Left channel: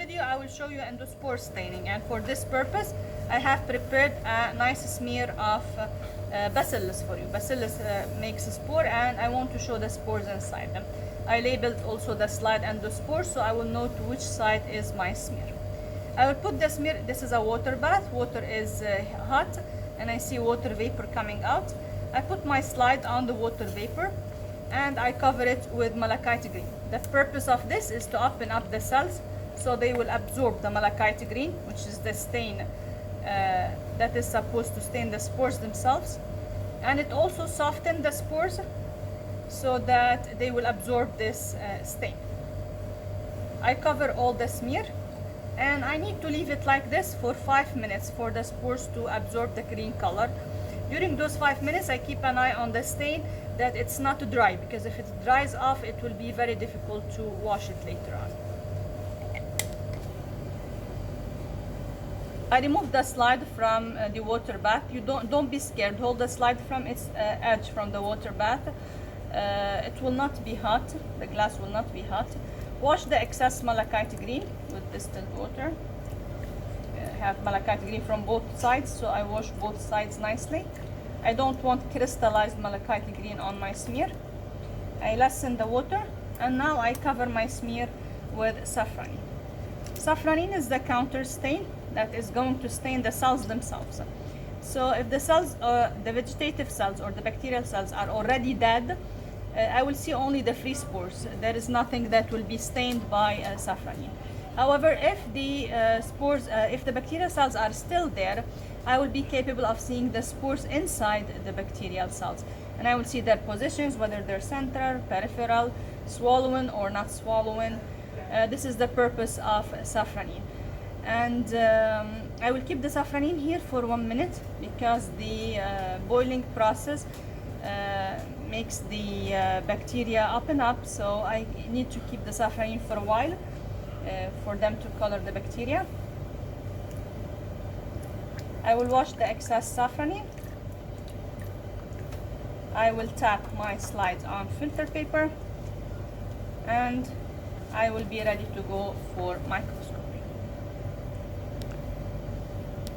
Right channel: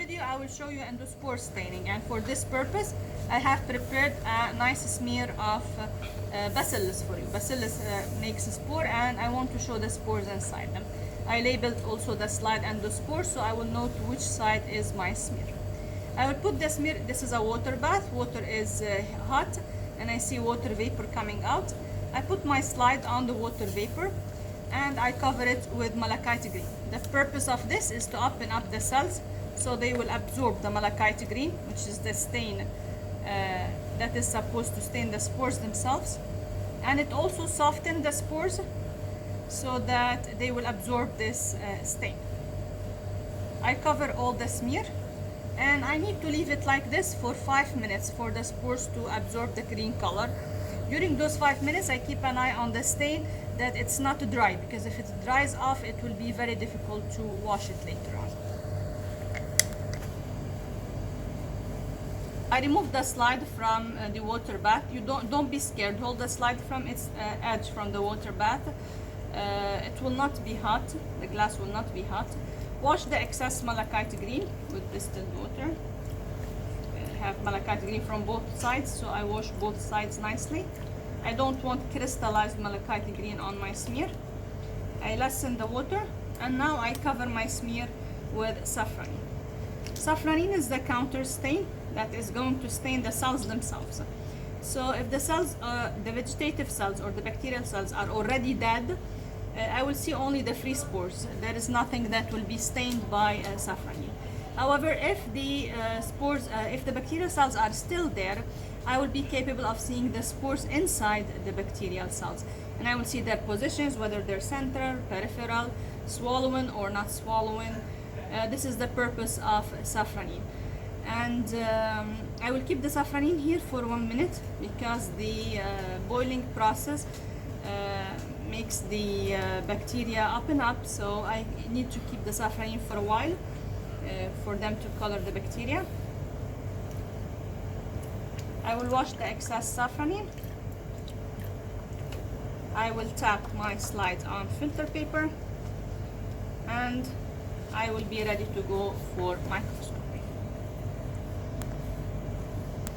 video I will show you endospore staining, and for this purpose I have prepared a nice smear of bacillus for you. Bacillus makes a spore, and I want to show the spores inside them. I labeled also the slide endospore, so I will note which side is my smear. I will put the smear. This is a water bath. Water is hot and I see water vapor coming out. I put my slide on the water vapor and I cover it with malachite green. The purpose of this is to open up the cells so they will absorb the malachite green, which is the stain that is supposed to stain the spores themselves, and it also softens the spores so that they will absorb this stain. I cover all the smear and I need to leave it like this for 5 minutes for the spores to absorb the green color. During those 5 minutes I keep an eye on the stain that it's not dry, because if it dries off it will be very difficult to wash it later on. I remove the slide from the water bath. You don't be scared. Hold the slide from its edge from the water bath. It will not be hot. The glass will not be hot. Wash the excess malachite green with distilled water. Have malachite green from both sides, so I wash both sides nicely. I don't want crystallized malachite green on my smear. I lessen the water, and now I cover my smear with safranin. Safranin is the counter stain that is going to stain the cells themselves. So if the cells, the vegetative cells or the bacterial cells are already dead, I will see only the free spores. There is nothing that will be stained by safranin. However, if the if the bacterial cells are still there, I will be capable of seeing the spores inside the bacterial cells. And I will see their positions, whether they're central, peripheral, swollen or not swollen. This is the purpose of safranin. And I will keep the safranin here for 1 minute because the boiling process makes the bacteria open up, so I need to keep the safranin for a while for them to color the bacteria. I will wash the excess safranin. I will tap my slides on filter paper and I will be ready to go for microscope.